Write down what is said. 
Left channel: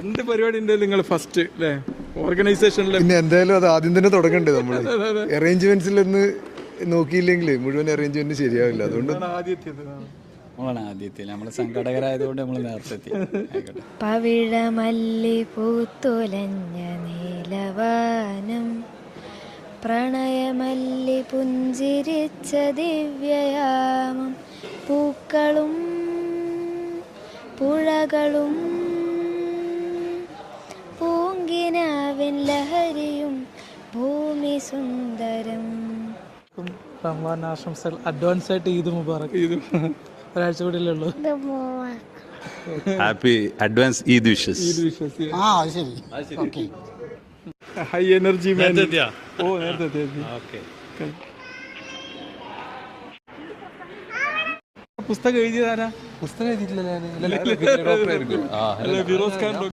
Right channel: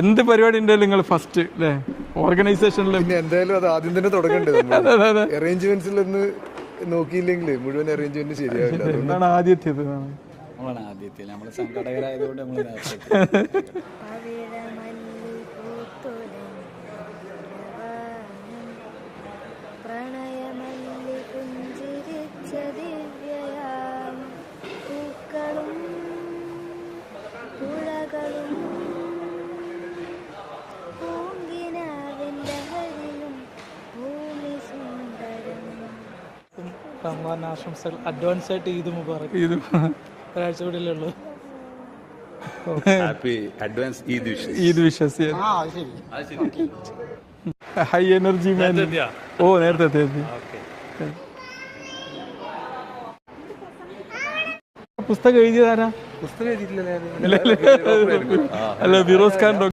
എന്ത് പരിപാടി ഉണ്ടെങ്കിലും നിങ്ങൾ ഫസ്റ്റ് അല്ലേ ഓർഗനൈസേഷനിൽ എന്തായാലും അത് ആദ്യം തന്നെ തുടങ്ങണ്ടേ. അറേഞ്ച്മെന്റ്സിൽ ഒന്ന് നോക്കിയില്ലെങ്കിൽ മുഴുവൻ അറേഞ്ച്മെന്റ് ശരിയാവില്ല. അതുകൊണ്ടാണ് ആദ്യത്തേത് നമ്മള് സംഘടകരായതുകൊണ്ട് നമ്മള് പവിഴമല്ലി പൂത്തൊലഞ്ഞ നീലവാനം പ്രണയമല്ലി പുഞ്ചിരിച്ച ദിവ്യയാമം പൂക്കളും പുഴകളും പൂങ്കിനാവിൻ ലഹരിയും ഭൂമി സുന്ദരം. റമദാൻ ആശംസകൾ അഡ്വാൻസ് ആയിട്ട് ഈദ് മുബാറക്. ഒരാഴ്ച കൂടിയല്ലേ ഉള്ളൂ. Happy advance Eid wishes. Eid wishes. High energy man. ഓ നേരത്തെ പുസ്തകം എഴുതിയതാരാ? പുസ്തകം എഴുതിയിട്ടില്ലല്ലേ? അല്ല ഫിറോസ് ഖാൻ